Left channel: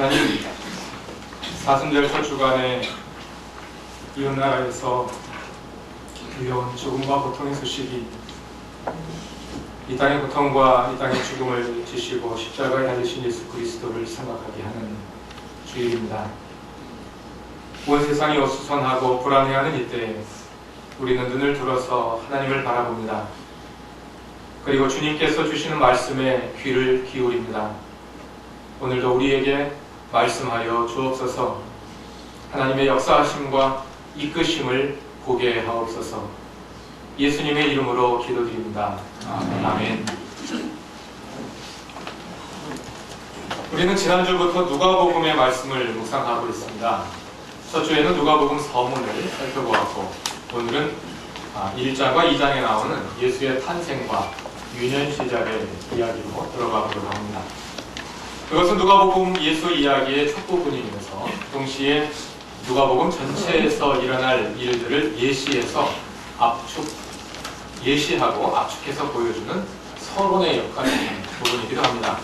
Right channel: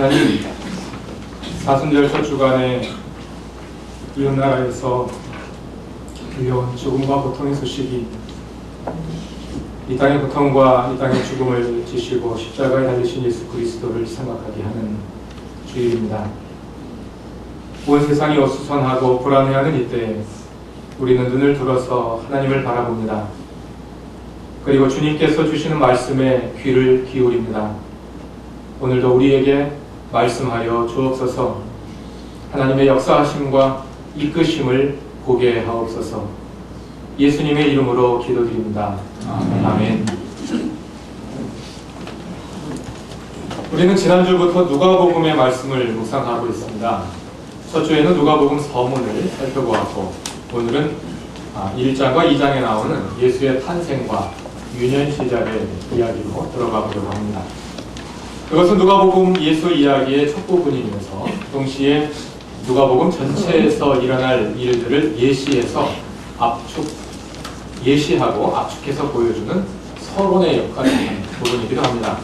하나님, 사순절 첫 주간에 이웃나라에서 들려온 죽음과 고통의 소식이 이 땅의 고통과 이 땅의 죽음을 지시고 십자가에 달리신 예수 그리스도를 생각하게 하는 주일입니다. 온 세상이 어수선하고 불안해하는 이때에 우리는 눈을 들어서 하나님을 바라봅니다. 그리고 주님께서 주시는 말씀에 귀를 기울입니다. 오늘도 우리에게 말씀하여 주옵소서. 하나님의 역사하심과 이끄심을 보게 하옵소서. 예수님의 이름으로 기도드립니다. 아멘. 우리는 지난주부터 누가복음의 말씀을 묵상하고 있습니다. 첫 주에는 누가복음 서문을 살펴보았고, 오늘은 1장과 2장에 나오는 예수의 탄생과 유년 시절의 이야기로 들어가 보려고 합니다. 그것은 누가복음 예수 이야기의 첫 부분이면서 동시에 누가복음 전체에서 일어날 일들을 예시하고 압축해서 보여주는 서론의 역할을 하는 부분이기도 합니다.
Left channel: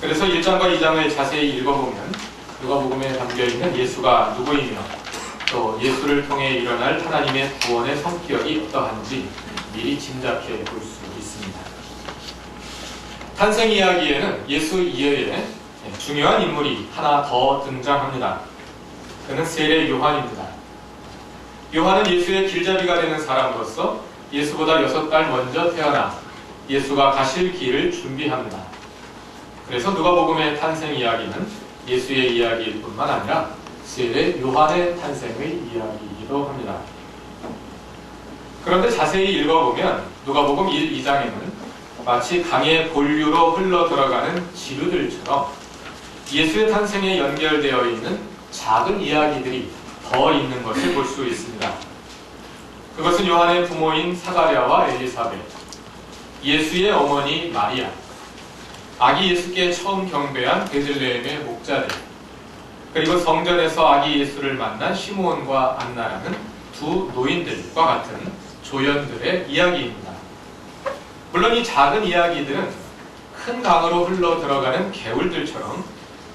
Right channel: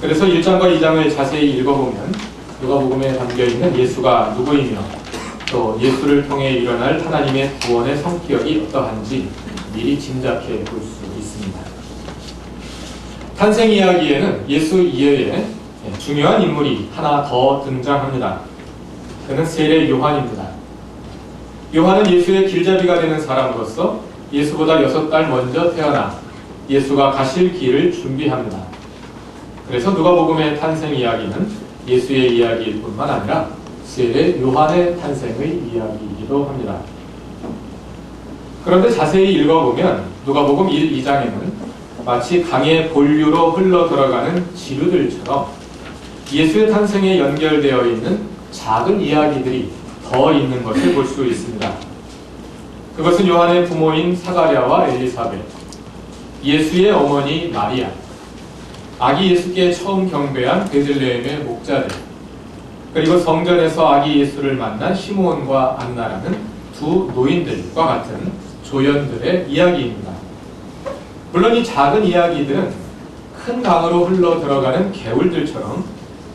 그래서 1장과 2장을 자세히 읽어보면 누가복음에 담겨있는 예수가 누구이며 또 예수를 통해 일어날 하나님의 구원의 성격이 어떠한지 미리 짐작해 볼 수 있습니다. 탄생 이야기에는 예수 이외에 중요한 인물이 하나 더 등장합니다. 그는 세례 요한입니다. 요한은 예수의 길잡이가 되는 사람으로서 예수보다 6달 먼저 태어나 예수가 가실 길을 준비합니다. 그래서 누가복음의 탄생 이야기는 예수의 이야기일 뿐만 아니라 세례 요한의 탄생의 이야기이기도 합니다. 그런데 자세히 읽어보면 누가복음 1, 2장에는 마치 강의 본류로 흘러 들어가는 지류들처럼 예수의 탄생에 연결되어 있는 작은 이야기들이 더 있는 것을 볼 수 있습니다. 그것은 요한의 부모인 사가랴와 엘리사벳, 예수의 어머니 마리아, 아기 예수께 처음 경배한 베들레헴의 목자들, 그리고 성전에서 아기 예수를 만난 시므온과 안나라는 두 노인들과 같은 조연들의 이야기입니다. 물론 이 작은 이야기들은 큰 강으로 흘러 들어가는 개울들처럼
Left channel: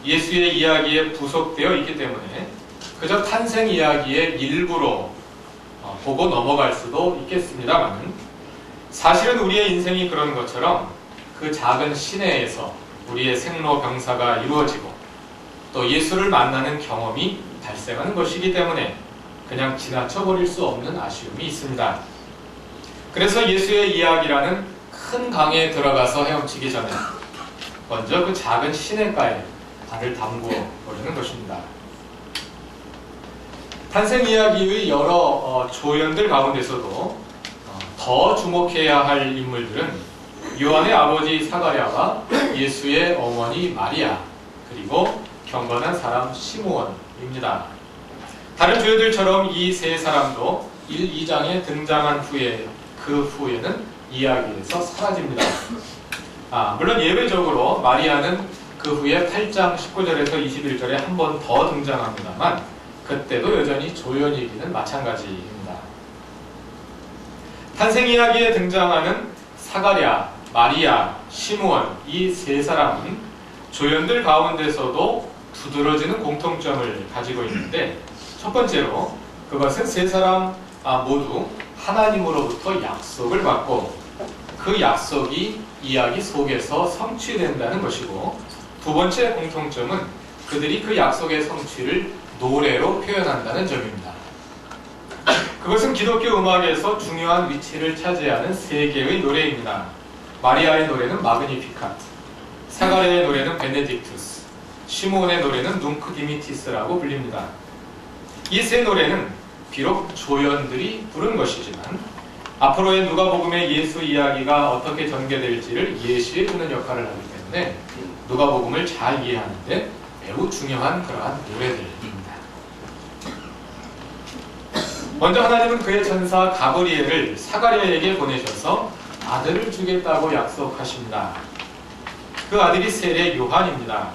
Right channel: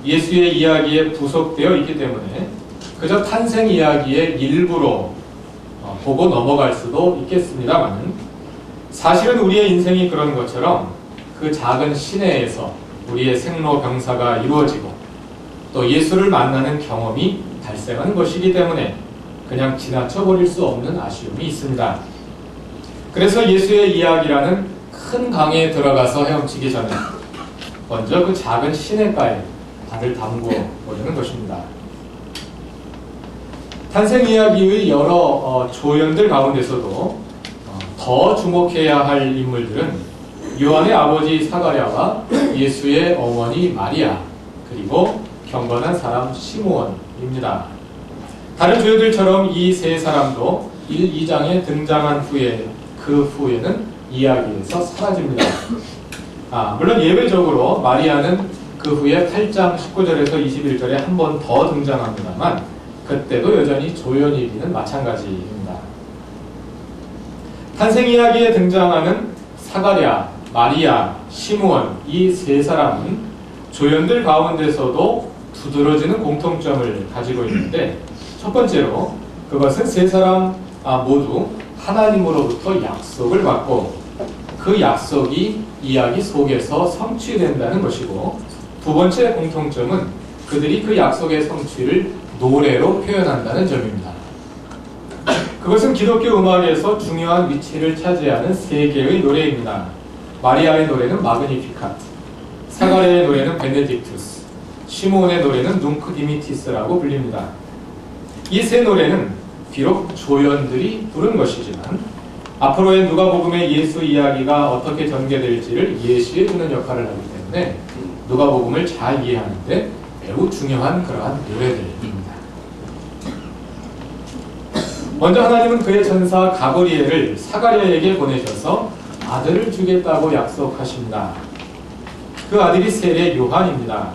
예수의 이야기에 부속되어 있기 때문에 그저 탄생 이야기의 일부로 보고 넘어갈 수도 있겠습니다만, 사실은 우리의 인생이 그런 것처럼 그 작은 시내에서 우리의 생로병사가 이루어지고 또 예수를 만나는 경험이 발생하는 것이기 때문에 그냥 지나쳐버릴 수 없는 아쉬움이 있습니다. 그래서 예수의 이야기라는 큰 강에 들어가서 헤엄치기 전에 먼저 그 작은 시내가에 발을 담궈 보려는 것입니다. 탄생 이야기의 여러 조연들 가운데서도 더 주목해야 할 인물들은 요한의 아버지 사가랴와 예수의 어머니 마리아, 그리고 경건한 사람 시므온입니다. 다른 조연들처럼 이 세 사람도 1, 2장에 등장한 후에 그 후에는 이야기에서 사라집니다. 물론 예외적으로 마리아는 그 후에 8장 19절에서 21절에 한 번 더 등장합니다만 그때도 여전히 조연이기는 마찬가지입니다. 탄생 이야기에 등장하는 사가랴, 마리아, 시므온 이 세 사람은 조연들 가운데서도 두드러지는 공통점을 가지고 있는데, 첫 번째로 그것은 세 사람 모두 하나님으로부터 약속을 받고 그 약속이 이야기 속에서 성취된다는 것이고, 두 번째 공통점은 그들이 그 약속의 성취를 노래로 표현한다는 점입니다. 그것은 기독교 음악에서 중요한 위치를 차지하는 세 개의 노래입니다. 마리아의 노래는 마그니피카트, 사가랴의 노래는 베네딕투스, 시므온의 노래는 눅크 디미티스라고 불립니다. 이 세 노래는 비록 조연들이 부른 것이지만 앞으로의 누가복음의 예수 이야기가 어떻게 전개될지를 예시해주는 역할을 하기 때문에 누가복음을 잘 이해하는 데 매우 중요한 그러한 노래들입니다. 먼저 하나님은 그의 천사 가브리엘을 사가랴에게 보내셔서 아들을 주겠다고 약속하십니다. 그 아들이 세례 요한입니다.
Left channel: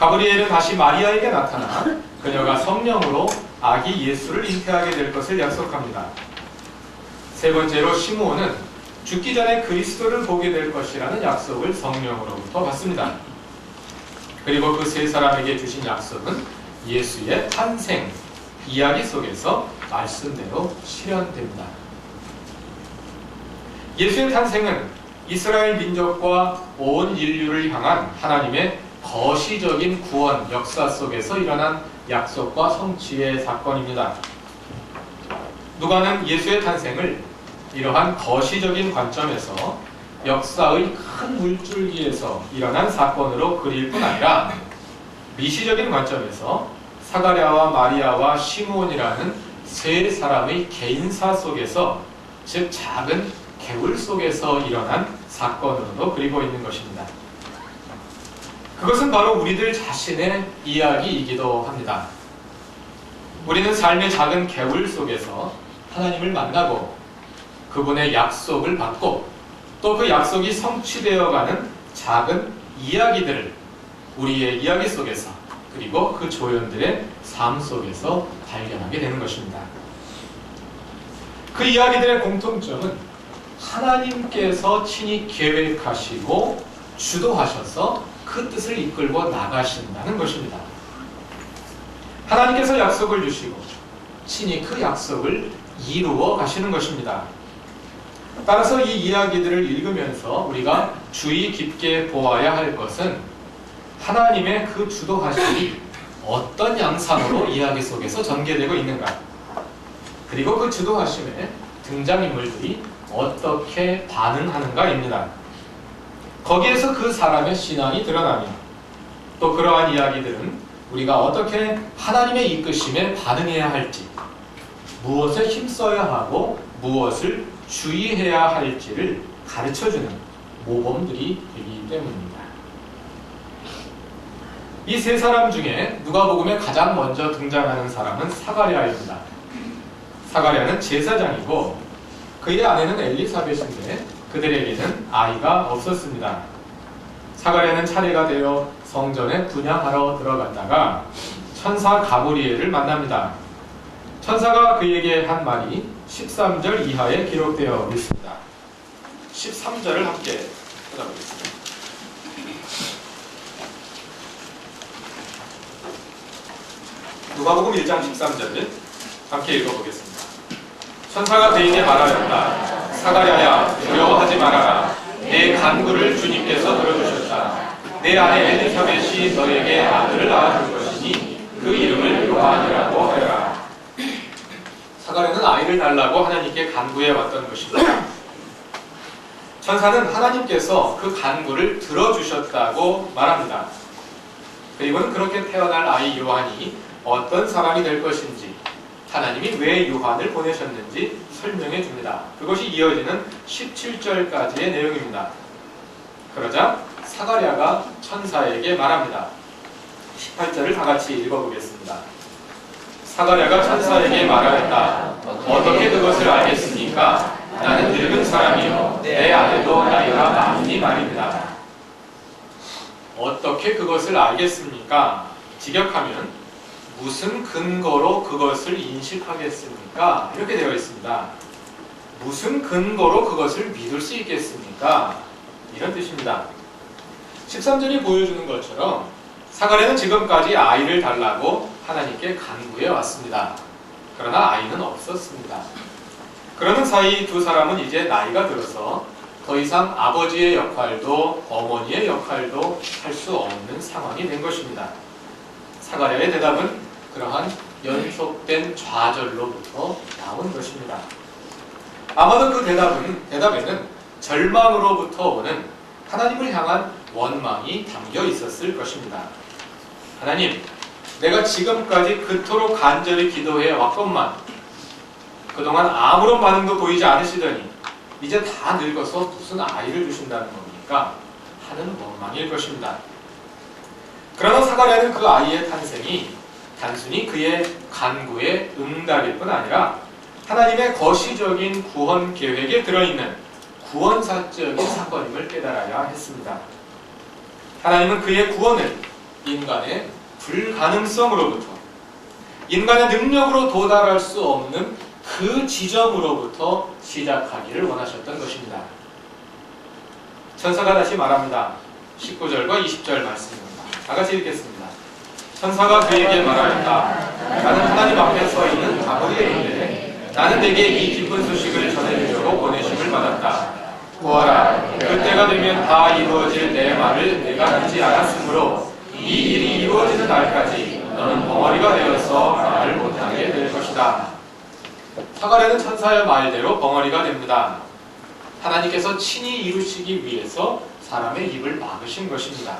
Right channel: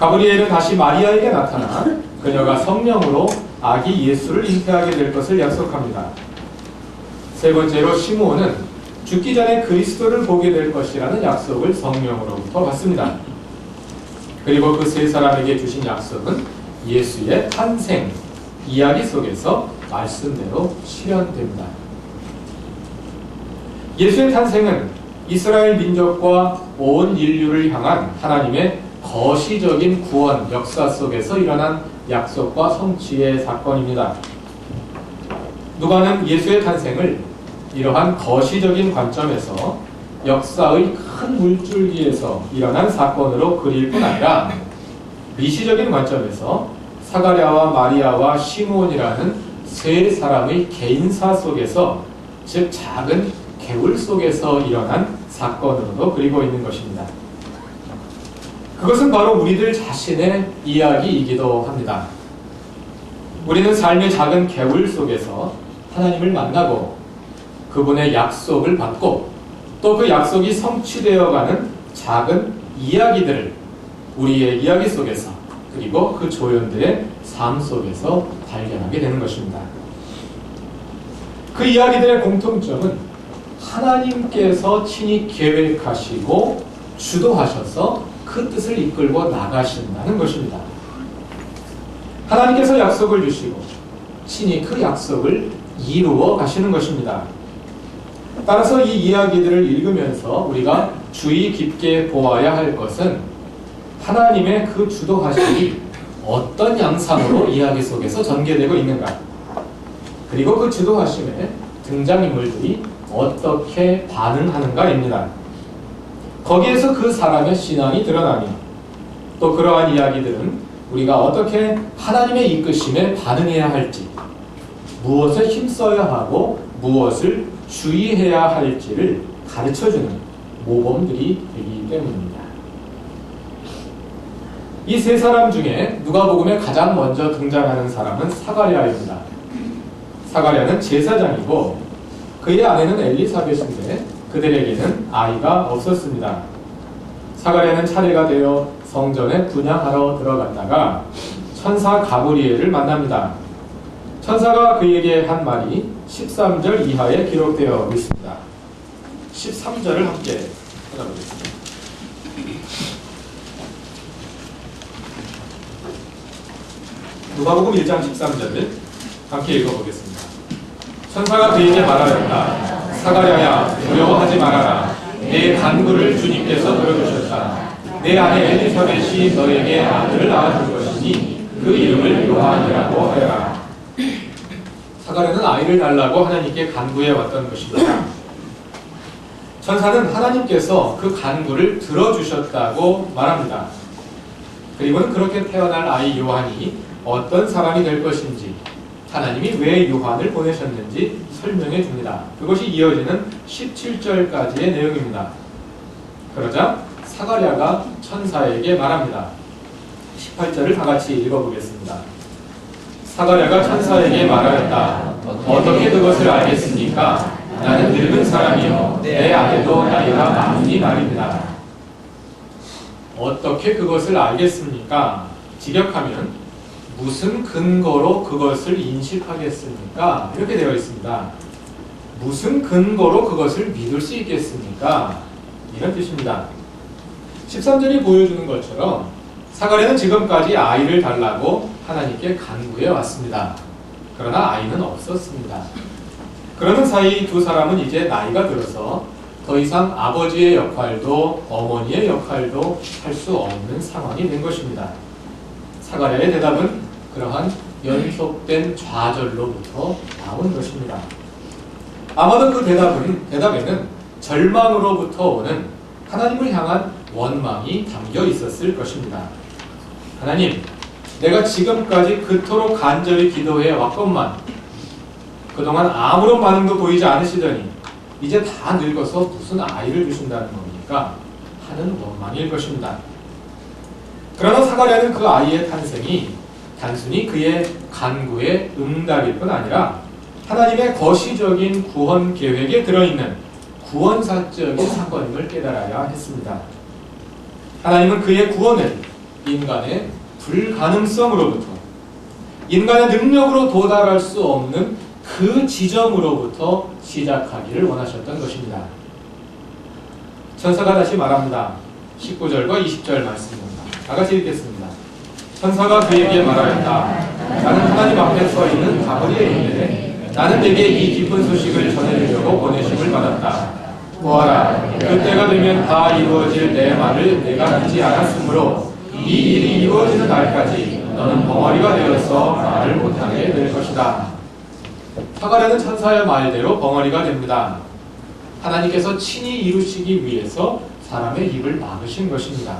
가브리엘은 다시 마리아에게 나타나 그녀가 성령으로 아기 예수를 잉태하게 될 것을 약속합니다. 세 번째로 시므온은 죽기 전에 그리스도를 보게 될 것이라는 약속을 성령으로부터 받습니다. 그리고 그 세 사람에게 주신 약속은 예수의 탄생 이야기 속에서 말씀대로 실현됩니다. 예수의 탄생은 이스라엘 민족과 온 인류를 향한 하나님의 거시적인 구원 역사 속에서 일어난 약속과 성취의 사건입니다. 누가는 예수의 탄생을 이러한 거시적인 관점에서 역사의 큰 물줄기에서 일어난 사건으로 그릴 뿐 아니라 미시적인 관점에서 사가랴와 마리아와 시므온이라는 세 사람의 개인사 속에서, 즉 작은 개울 속에서 일어난 사건으로도 그리고 있는 것입니다. 그것은 바로 우리들 자신의 이야기이기도 합니다. 우리는 삶의 작은 개울 속에서 하나님을 만나고 그분의 약속을 받고 또 그 약속이 성취되어가는 작은 이야기들을 우리의 이야기 속에서 그리고 그 조연들의 삶 속에서 발견하게 되는 것입니다. 그 이야기들의 공통점은 하나님께서 친히 계획하시고 주도하셔서 그 뜻을 이끌고 나가신다는 것입니다. 하나님께서 약속을 주시고 친히 그 약속을 이루어 가시는 것입니다. 따라서 이 이야기들을 읽으면서 우리가 주의 깊게 보아야 할 것은 하나님의 그 주도하심이 어떤 양상으로 이야기 속에서 전개되고 있는가, 그리고 그 주도하심에 등장인물들이 어떻게 반응하는가입니다. 거기에서 그 사람의 신앙이 드러나며 또 그러한 이야기들은 우리가 어떻게 하나님의 이끄심에 반응해야 할지, 무엇에 힘써야 하고 무엇을 주의해야 할지를 가르쳐주는 모범들이 되기 때문입니다. 이 세 사람 중에 누가복음에 가장 먼저 등장하는 사람은 사가랴입니다. 사가랴는 제사장이고 그의 아내는 엘리사벳인데 그들에게는 아이가 없었습니다. 사가랴는 차례가 되어 성전에 분향하러 들어갔다가 천사 가브리엘을 만납니다. 천사가 그에게 한 말이 13절 이하에 기록되어 있습니다. 13절을 함께 찾아보겠습니다. 누가복음 1장 13절을 함께 읽어보겠습니다. 천사가 그에게 말하였다. 사가랴야, 두려워하지 말아라. 내 간구를 주님께서 들어주셨다. 내 아내 엘리사벳이 너에게 아들을 낳아줄 것이니 그 이름을 요한이라고 하여라. 사가랴는 아이를 달라고 하나님께 간구해 왔던 것입니다. 천사는 하나님께서 그 간구를 들어주셨다고 말합니다. 그리고는 그렇게 태어날 아이 요한이 어떤 사람이 될 것인지, 하나님이 왜 요한을 보내셨는지 설명해 줍니다. 그것이 이어지는 17절까지의 내용입니다. 그러자 사가랴가 천사에게 말합니다. 18절을 다 같이 읽어보겠습니다. 사가랴가 천사에게 말하였다. 어떻게 그것을 알겠습니까? 나는 늙은 사람이요 내 아내도 나이가 많으니 말입니다. 어떻게 그것을 알겠습니까? 직역하면 무슨 근거로 그것을 인식하겠습니까? 이렇게 되어 있습니다. 무슨 근거로 그것을 믿을 수 있겠습니까? 이런 뜻입니다. 13절이 보여주는 것처럼 사가랴는 지금까지 아이를 달라고 하나님께 간구해 왔습니다. 그러나 아이는 없었습니다. 그러는 사이 두 사람은 이제 나이가 들어서 더 이상 아버지의 역할도 어머니의 역할도 할 수 없는 상황이 된 것입니다. 사가랴의 대답은 그러한 연속된 좌절로부터 나온 것입니다. 아마도 그 대답에는 절망으로부터 오는 하나님을 향한 원망이 담겨 있었을 것입니다. 하나님, 내가 지금까지 그토록 간절히 기도해 왔건만 그동안 아무런 반응도 보이지 않으시더니 이제 다 늙어서 무슨 아이를 주신다는 겁니까? 하는 원망일 것입니다. 그러나 사가랴는 그 아이의 탄생이 단순히 그의 간구의 응답일 뿐 아니라 하나님의 거시적인 구원 계획에 들어있는 구원사적인 사건임을 깨달아야 했습니다. 하나님은 그의 구원을 인간의 불가능성으로부터, 인간의 능력으로 도달할 수 없는 그 지점으로부터 시작하기를 원하셨던 것입니다. 천사가 다시 말합니다. 19절과 20절 말씀입니다. 다 같이 읽겠습니다. 천사가 그에게 말하였다. 나는 하나님 앞에 서 있는 가브리엘인데 나는 내게 이 기쁜 소식을 전해주려고 보내심을 받았다. 보아라, 그때가 되면 다 이루어질 내 말을 내가 듣지 않았으므로 이 일이 이루어지는 날까지 너는 벙어리가 되어서 말을 못하게 될 것이다. 사가랴는 천사의 말대로 벙어리가 됩니다. 하나님께서 친히 이루시기 위해서 사람의 입을 막으신 것입니다.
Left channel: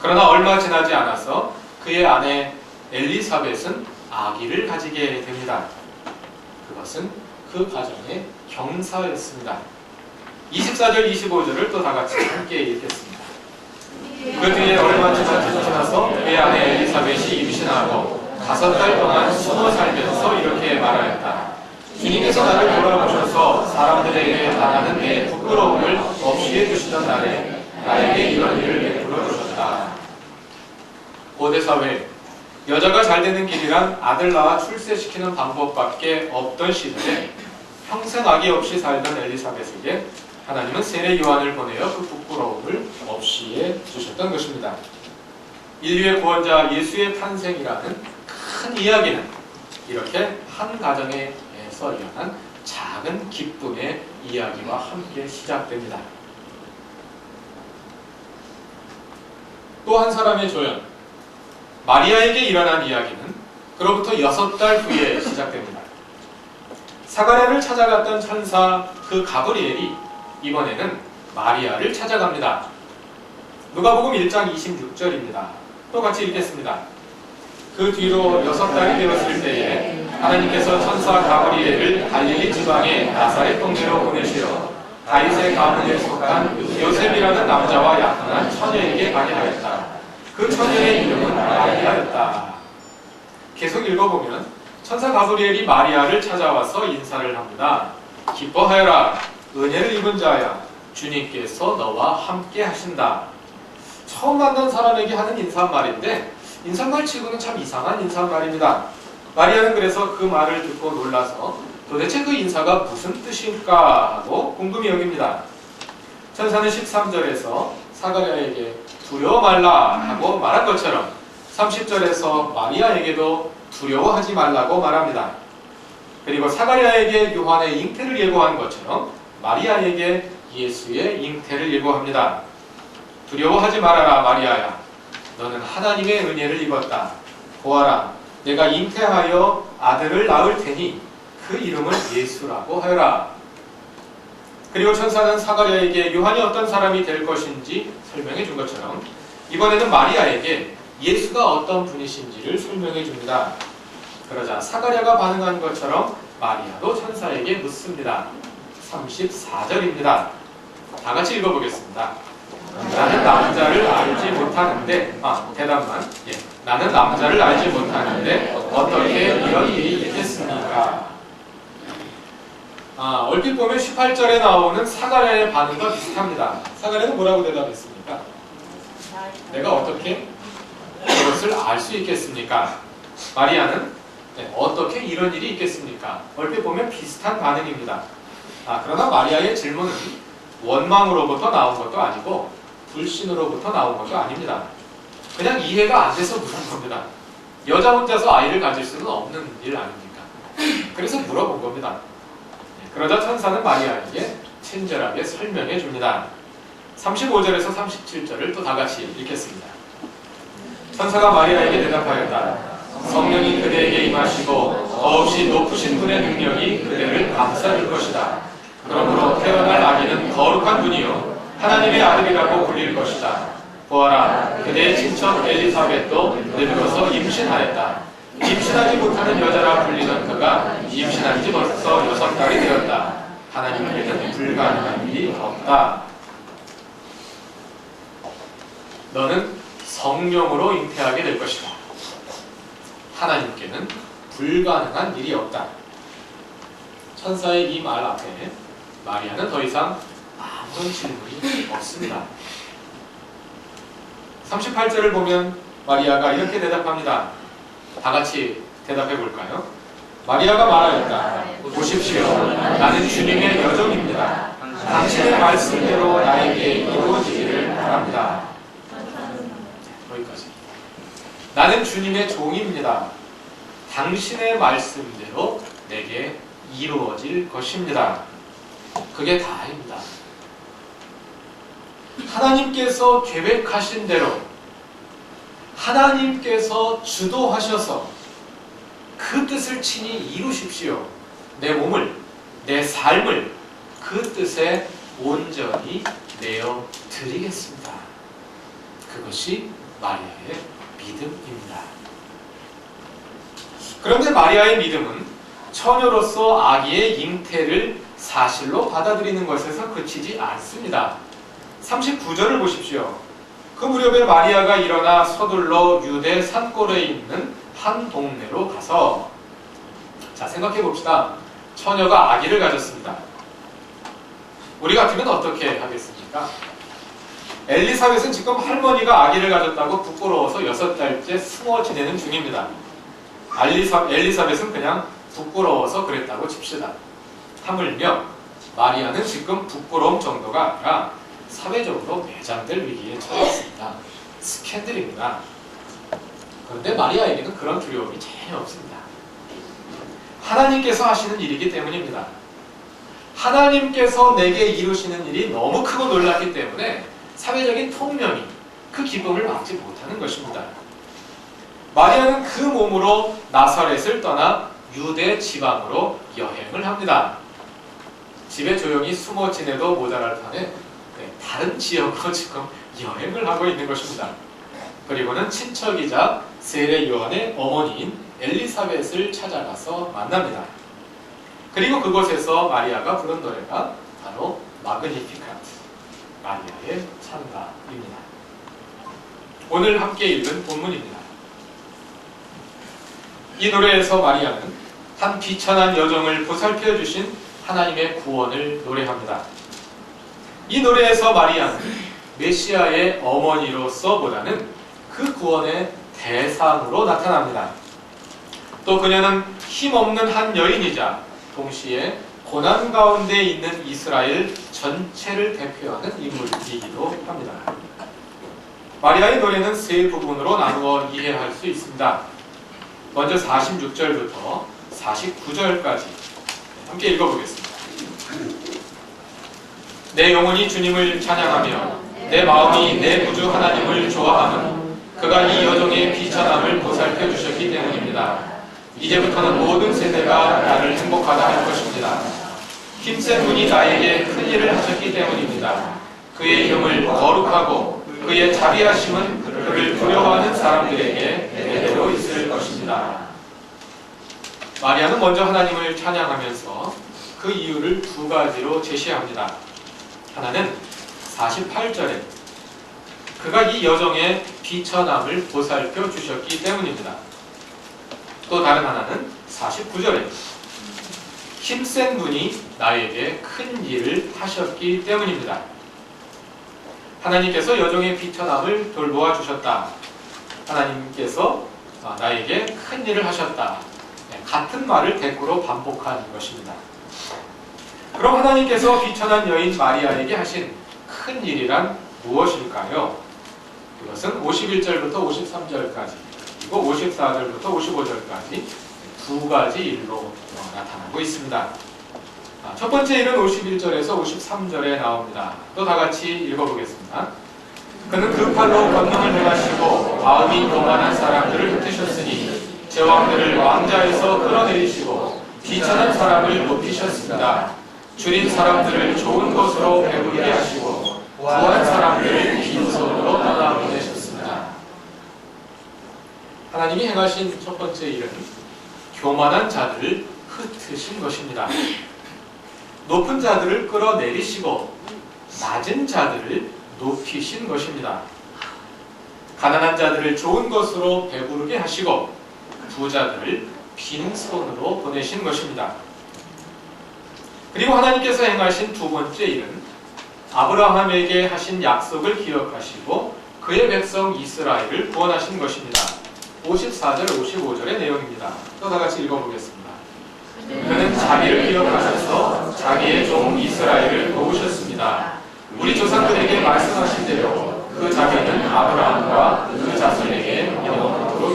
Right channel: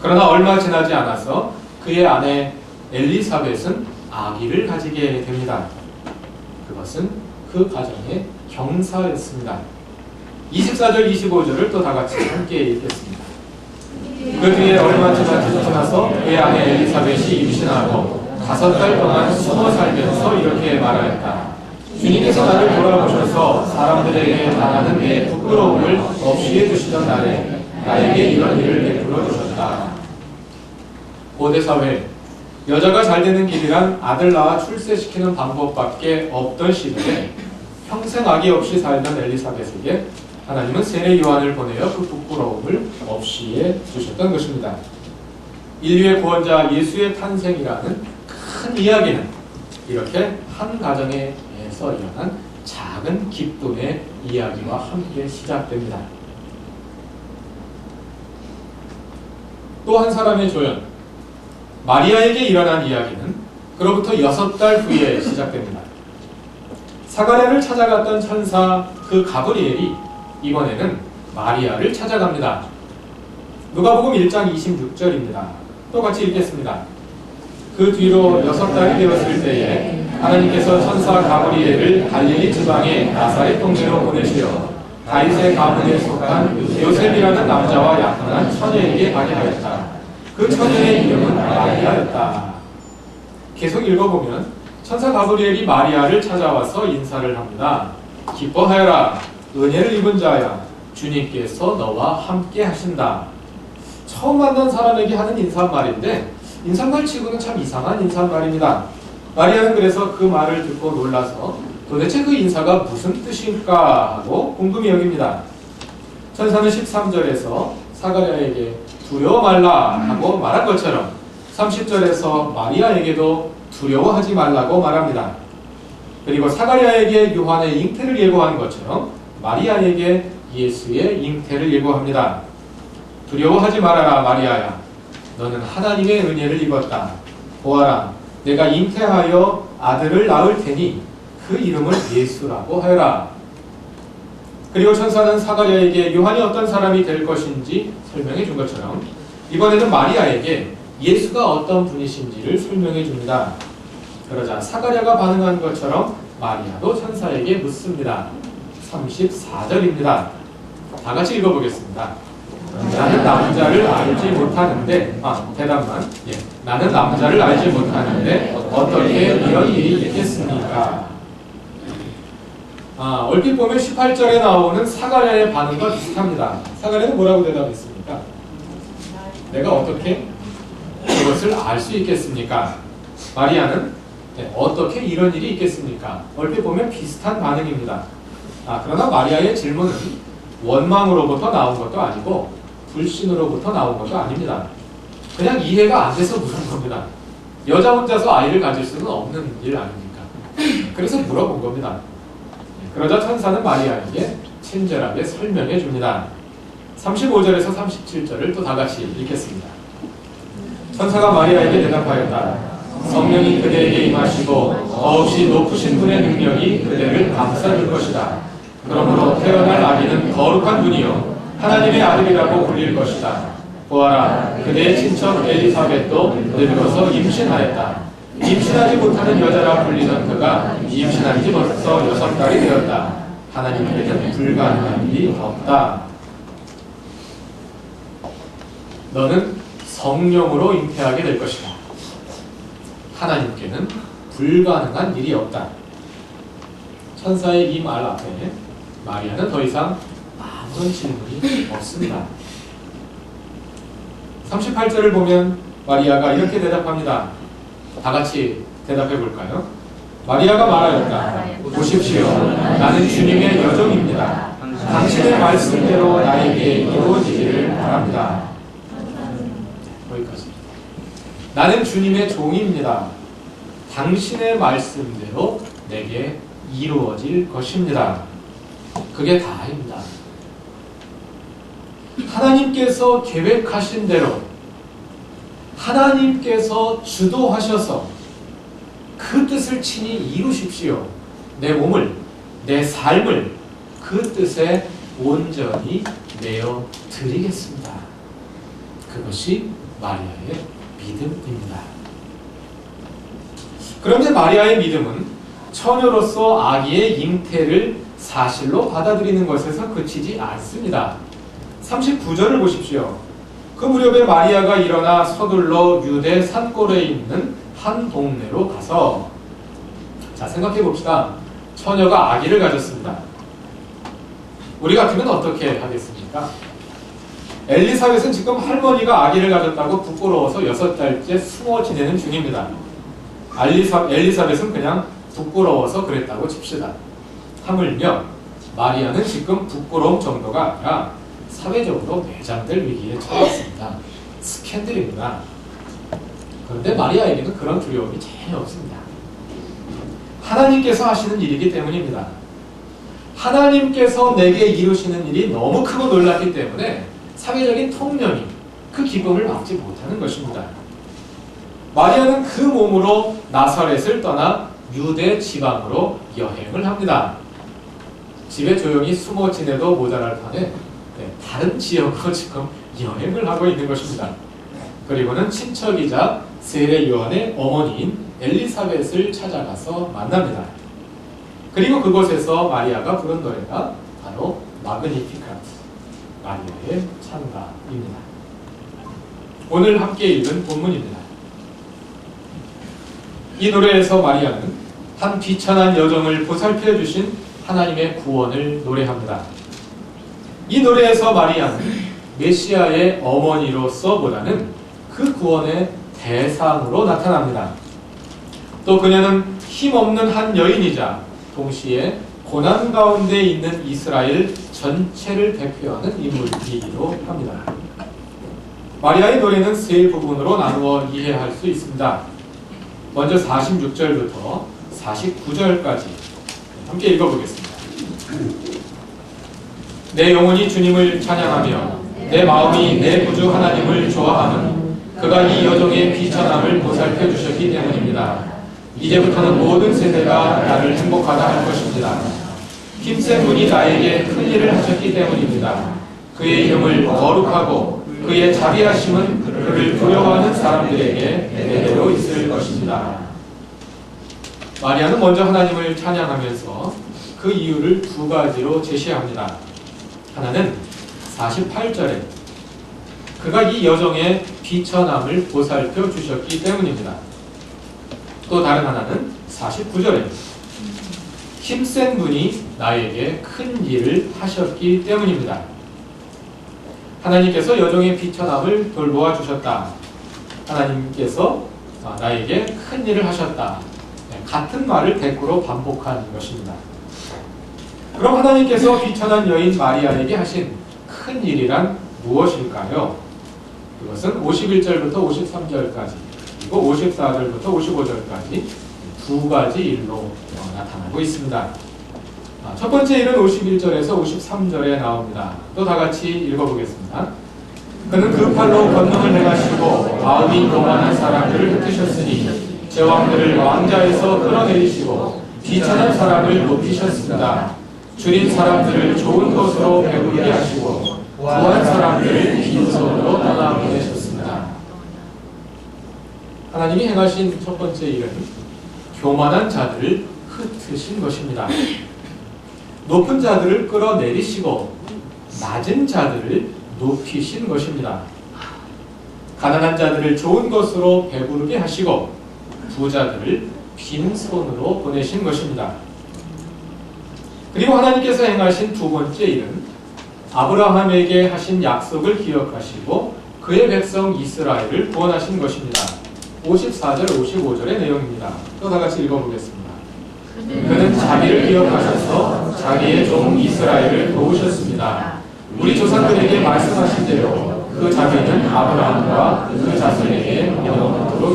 그러나 얼마 지나지 않아서 그의 아내 엘리사벳은 아기를 가지게 됩니다. 그것은 그 가정의 경사였습니다. 24절, 25절을 또 다 같이 함께 읽겠습니다. 그 뒤에 얼마 지나서 그의 아내 엘리사벳이 임신하고 5달 동안 숨어 살면서 이렇게 말하였다. 주님께서 나를 돌아보셔서 사람들에게 당하는 내 부끄러움을 없이 해주시던 날에 나에게 이런 일을 베풀어 주셨다. 고대사회, 여자가 잘 되는 길이란 아들 낳아 출세시키는 방법밖에 없던 시대에 평생 아기 없이 살던 엘리사벳에게 하나님은 세례 요한을 보내어 그 부끄러움을 없이 해주셨던 것입니다. 인류의 구원자 예수의 탄생이라는 큰 이야기는 이렇게 한 가정에서 일어난 작은 기쁨의 이야기와 함께 시작됩니다. 또 한 사람의 조연, 마리아에게 일어난 이야기는 그로부터 6달 후에 시작됩니다. 사가랴를 찾아갔던 천사 그 가브리엘이 이번에는 마리아를 찾아갑니다. 누가복음 1장 26절입니다. 또 같이 읽겠습니다. 그 뒤로 6달이 되었을 때에 하나님께서 천사 가브리엘을 갈릴리 지방의 나사렛 동네로 보내시어 다윗의 가문에 속한 요셉이라는 남자와 약혼한 처녀에게 가게 하였다. 그 처녀의 이름은 마리아였다. 계속 읽어보면 천사 가브리엘이 마리아를 찾아와서 인사를 합니다. 기뻐하여라, 은혜를 입은 자야, 주님께서 너와 함께 하신다. 처음 만난 사람에게 하는 인사말인데 인사말 치고는 참 이상한 인사말입니다. 마리아는 그래서 그 말을 듣고 놀라서 도대체 그 인사가 무슨 뜻일까 하고 궁금히 여깁니다. 천사는 13절에서 사가랴에게 두려워 말라 하고 말한 것처럼 30절에서 마리아에게도 두려워하지 말라고 말합니다. 그리고 사가랴에게 요한의 잉태를 예고한 것처럼 마리아에게 예수의 잉태를 예고합니다. 두려워하지 말아라 마리아야, 너는 하나님의 은혜를 입었다. 보아라, 내가 잉태하여 아들을 낳을 테니 그 이름을 예수라고 하여라. 그리고 천사는 사가랴에게 요한이 어떤 사람이 될 것인지 설명해 준 것처럼 이번에는 마리아에게 예수가 어떤 분이신지를 설명해 줍니다. 그러자 사가랴가 반응한 것처럼 마리아도 천사에게 묻습니다. 34절입니다. 다 같이 읽어보겠습니다. 나는 남자를 알지 못하는데 대답만 나는 남자를 알지 못하는데 어떻게 이런 일이 있겠습니까? 얼핏 보면 18절에 나오는 사가랴의 반응과 비슷합니다. 사가랴는 뭐라고 대답했습니까? 내가 어떻게 그것을 알 수 있겠습니까? 마리아는 어떻게 이런 일이 있겠습니까? 얼핏 보면 비슷한 반응입니다. 그러나 마리아의 질문은 원망으로부터 나온 것도 아니고 불신으로부터 나온 것도 아닙니다. 그냥 이해가 안 돼서 물은 겁니다. 여자 혼자서 아이를 가질 수는 없는 일 아닙니까? 그래서 물어본 겁니다. 그러자 천사는 마리아에게 친절하게 설명해 줍니다. 35절에서 37절을 또 다 같이 읽겠습니다. 천사가 마리아에게 대답하였다. 성령이 그대에게 임하시고 더없이 높으신 분의 능력이 그대를 감싸줄 것이다. 그러므로 태어날 아기는 거룩한 분이요 하나님의 아들이라고 불릴 것이다. 보아라, 그대의 친척 엘리사벳도 늙어서 임신하였다. 임신하지 못하는 여자라 불리던 그가 임신한 지 벌써 6달이 되었다. 하나님께는 불가능한 일이 없다. 너는 성령으로 잉태하게 될 것이다. 하나님께는 불가능한 일이 없다. 천사의 이 말 앞에 마리아는 더 이상 아무런 질문이 없습니다. 38절을 보면 마리아가 이렇게 대답합니다. 다 같이 대답해 볼까요? 마리아가 말하였다. 보십시오. 나는 주님의 여종입니다. 당신의 말씀대로 나에게 이루어지기를 바랍니다. 나는 주님의 종입니다. 당신의 말씀대로 내게 이루어질 것입니다. 그게 다입니다. 하나님께서 계획하신 대로 하나님께서 주도하셔서 그 뜻을 친히 이루십시오. 내 몸을, 내 삶을 그 뜻에 온전히 내어 드리겠습니다. 그것이 마리아의 믿음입니다. 그런데 마리아의 믿음은 처녀로서 아기의 잉태를 사실로 받아들이는 것에서 그치지 않습니다. 39절을 보십시오. 그 무렵에 마리아가 일어나 서둘러 유대 산골에 있는 한 동네로 가서, 자, 생각해 봅시다. 처녀가 아기를 가졌습니다. 우리 같으면 어떻게 하겠습니까? 엘리사벳은 지금 할머니가 아기를 가졌다고 부끄러워서 6달째 숨어 지내는 중입니다. 엘리사벳은 그냥 부끄러워서 그랬다고 칩시다. 하물며 마리아는 지금 부끄러움 정도가 아니라 사회적으로 매장될 위기에 처했습니다. 스캔들입니다. 그런데 마리아에게는 그런 두려움이 전혀 없습니다. 하나님께서 하시는 일이기 때문입니다. 하나님께서 내게 이루시는 일이 너무 크고 놀랐기 때문에 사회적인 통념이 그 기쁨을 막지 못하는 것입니다. 마리아는 그 몸으로 나사렛을 떠나 유대 지방으로 여행을 합니다. 집에 조용히 숨어 지내도 모자랄 판에 다른 지역으로 지금 여행을 하고 있는 것입니다. 그리고는 친척이자 세례 요한의 어머니인 엘리사벳을 찾아가서 만납니다. 그리고 그곳에서 마리아가 부른 노래가 바로 마그니피카트, 마리아의 찬가입니다. 오늘 함께 읽은 본문입니다. 이 노래에서 마리아는 한 비천한 여정을 보살펴 주신 하나님의 구원을 노래합니다. 이 노래에서 마리아는 메시아의 어머니로서보다는 그 구원의 대상으로 나타납니다. 또 그녀는 힘없는 한 여인이자 동시에 고난 가운데 있는 이스라엘 전체를 대표하는 인물이기도 합니다. 마리아의 노래는 세 부분으로 나누어 이해할 수 있습니다. 먼저 46절부터 49절까지 함께 읽어보겠습니다. 내 영혼이 주님을 찬양하며 내 마음이 내 구주 하나님을 좋아하는 그가 이 여정의 비천함을 보살펴 주셨기 때문입니다. 이제부터는 모든 세대가 나를 행복하다 할 것입니다. 힘센 분이 나에게 큰 일을 하셨기 때문입니다. 그의 이름을 거룩하고 그의 자비하심은 그를 두려워하는 사람들에게 대대로 있을 것입니다. 마리아는 먼저 하나님을 찬양하면서 그 이유를 두 가지로 제시합니다. 하나는 48절에 그가 이 여정의 비천함을 보살펴 주셨기 때문입니다. 또 다른 하나는 49절에 힘센 분이 나에게 큰 일을 하셨기 때문입니다. 하나님께서 여정의 비천함을 돌보아 주셨다. 하나님께서 나에게 큰 일을 하셨다. 같은 말을 대꾸로 반복한 것입니다. 그럼 하나님께서 비천한 여인 마리아에게 하신 큰 일이란 무엇일까요? 그것은 51절부터 53절까지 그리고 54절부터 55절까지 두 가지 일로 나타나고 있습니다. 첫 번째 일은 51절에서 53절에 나옵니다. 또 다 같이 읽어보겠습니다. 그는 그 팔로 권능을 행하시고 마음이 교만한 사람들을 흩으셨으니 제왕들을 왕자에서 끌어내리시고 비천한 사람을 높이셨습니다. 줄인 사람들을 좋은 것으로 배부르게 하시고 구한 사람들을 빈손으로 떠나보내셨습니다. 하나님이 행하신 첫 번째 일은 교만한 자들을 흩으신 것입니다. 높은 자들을 끌어내리시고 낮은 자들을 높이신 것입니다. 가난한 자들을 좋은 것으로 배부르게 하시고 부자들을 빈손으로 보내신 것입니다. 그리고 하나님께서 행하신 두 번째 일은 아브라함에게 하신 약속을 기억하시고 그의 백성 이스라엘을 구원하신 것입니다. 54절, 55절의 내용입니다. 또 다 같이 읽어보겠습니다. 그는 자기를 기억하셔서 자기의 종 이스라엘을 도우셨습니다. 우리 조상들에게 말씀하신 대로 그 자비는 아브라함과 그 자손에게 영원토록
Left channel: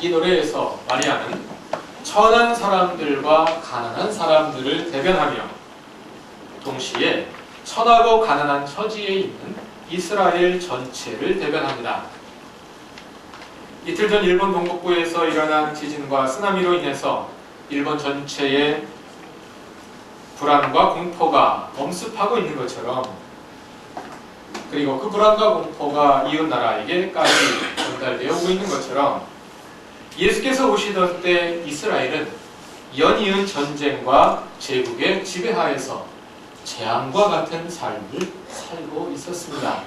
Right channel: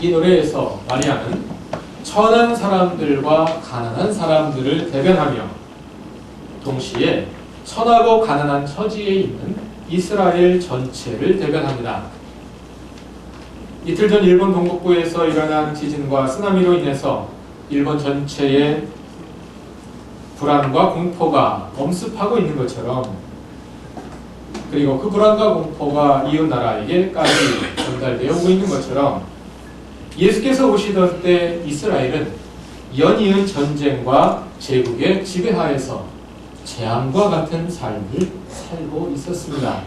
이 노래에서 마리아는 천한 사람들과 가난한 사람들을 대변하며 동시에 천하고 가난한 처지에 있는 이스라엘 전체를 대변합니다. 이틀 전 일본 동북부에서 일어난 지진과 쓰나미로 인해서 일본 전체에 불안과 공포가 엄습하고 있는 것처럼, 그리고 그 불안과 공포가 이웃 나라에게까지 전달되어 오고 있는 것처럼 예수께서 오시던 때 이스라엘은 연이은 전쟁과 제국의 지배하에서 재앙과 같은 삶을 살고 있었습니다.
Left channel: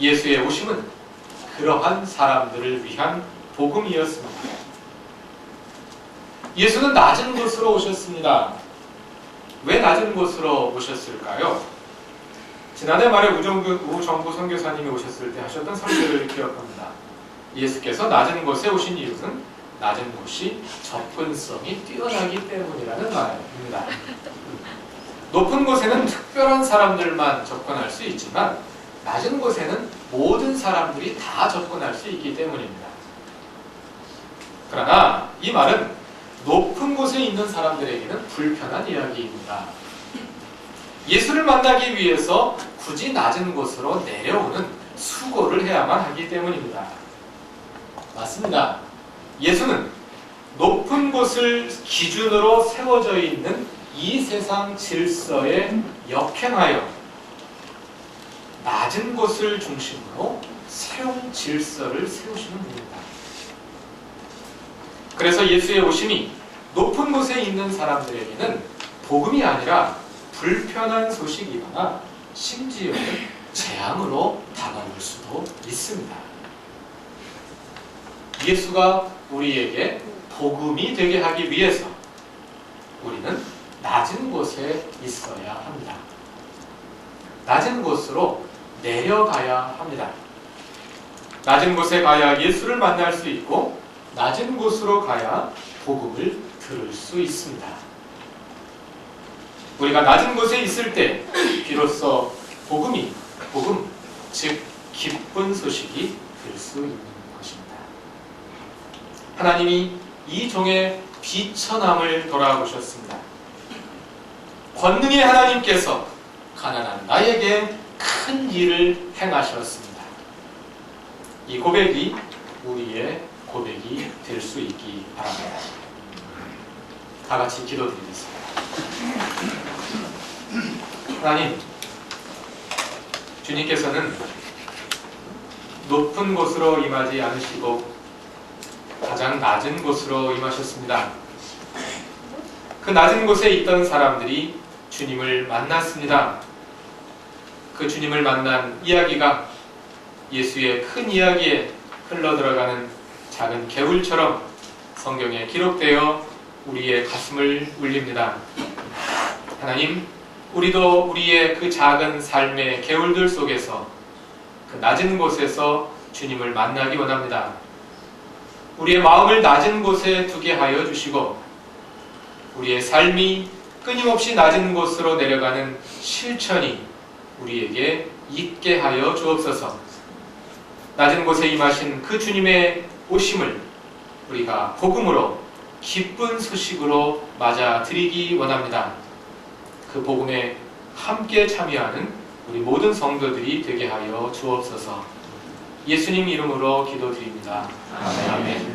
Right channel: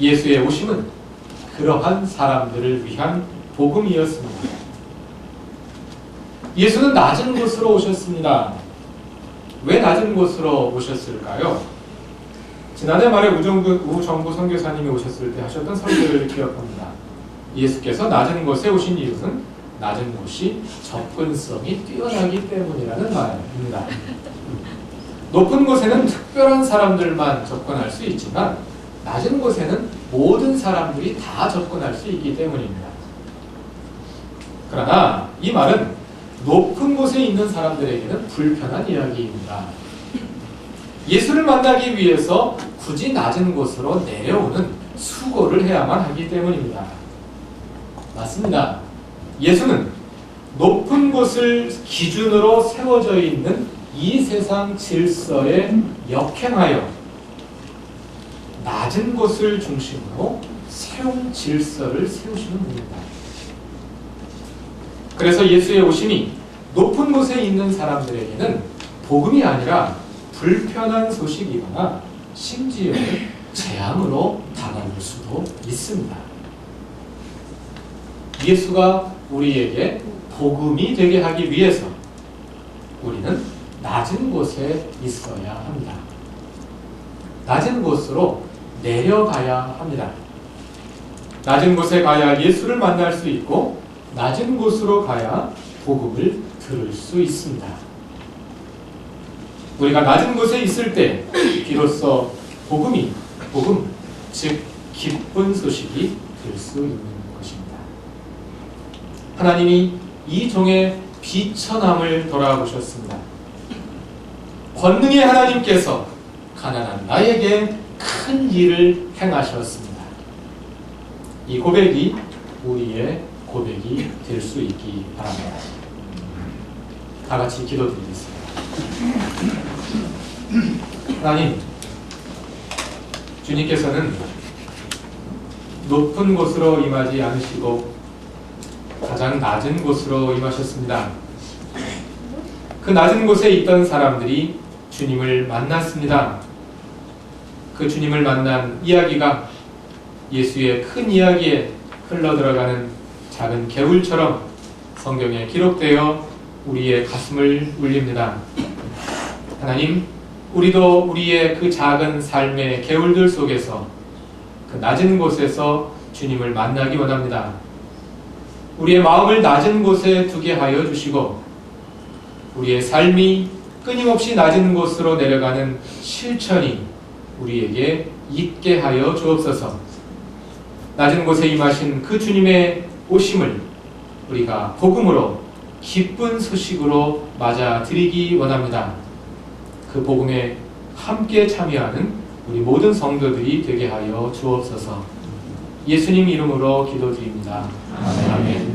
예수의 오심은 그러한 사람들을 위한 복음이었습니다. 예수는 낮은 곳으로 오셨습니다. 왜 낮은 곳으로 오셨을까요? 지난해 말에 우정부 선교사님이 오셨을 때 하셨던 설교를 기억합니다. 예수께서 낮은 곳에 오신 이유는 낮은 곳이 접근성이 뛰어나기 때문이라는 말입니다. 높은 곳에는 특별한 사람들만 접근할 수 있지만 낮은 곳에는 모든 사람들이 다 접근할 수 있기 때문입니다. 그러나 이 말은 높은 곳에 있는 사람들에게는 불편한 이야기입니다. 예수를 만나기 위해서 굳이 낮은 곳으로 내려오는 수고를 해야만 하기 때문입니다. 맞습니다. 예수는 높은 곳을 기준으로 세워져 있는 이 세상 질서에 역행하여 낮은 곳을 중심으로 새로운 질서를 세우시는 분입니다. 그래서 예수의 오심이 높은 곳에 있는 사람들에게는 복음이 아니라 불편한 소식이거나 심지어는 재앙으로 다가올 수도 있습니다. 예수가 우리에게 복음이 되게 하기 위해서 우리는 낮은 곳에 있어야 합니다. 낮은 곳으로 내려가야 합니다. 낮은 곳에 가야 예수를 만날 수 있고 낮은 곳으로 가야 복음을 들을 수 있습니다. 우리가 낮은 곳에 있을 때 비로소 복음, 즉 기쁜 소식이 될 수 있는 것입니다. 하나님이 이 종의 비천함을 돌아보셨습니다. 권능의 하나님께서 가난한 나에게 큰 일을 행하셨습니다. 이 고백이 우리의 고백이 될 수 있기 바랍니다. 다 같이 기도드리겠습니다. 하나님, 주님께서는 높은 곳으로 임하지 않으시고 가장 낮은 곳으로 임하셨습니다. 그 낮은 곳에 있던 사람들이 주님을 만났습니다. 그 주님을 만난 이야기가 예수의 큰 이야기에 흘러들어가는 작은 개울처럼 성경에 기록되어 우리의 가슴을 울립니다. 하나님, 우리도 우리의 그 작은 삶의 개울들 속에서 그 낮은 곳에서 주님을 만나기 원합니다. 우리의 마음을 낮은 곳에 두게 하여 주시고 우리의 삶이 끊임없이 낮은 곳으로 내려가는 실천이 우리에게 있게 하여 주옵소서. 낮은 곳에 임하신 그 주님의 오심을 우리가 복음으로 기쁜 소식으로 맞아들이기 원합니다. 그 복음에 함께 참여하는 우리 모든 성도들이 되게 하여 주옵소서. 예수님 이름으로 기도드립니다. 아멘.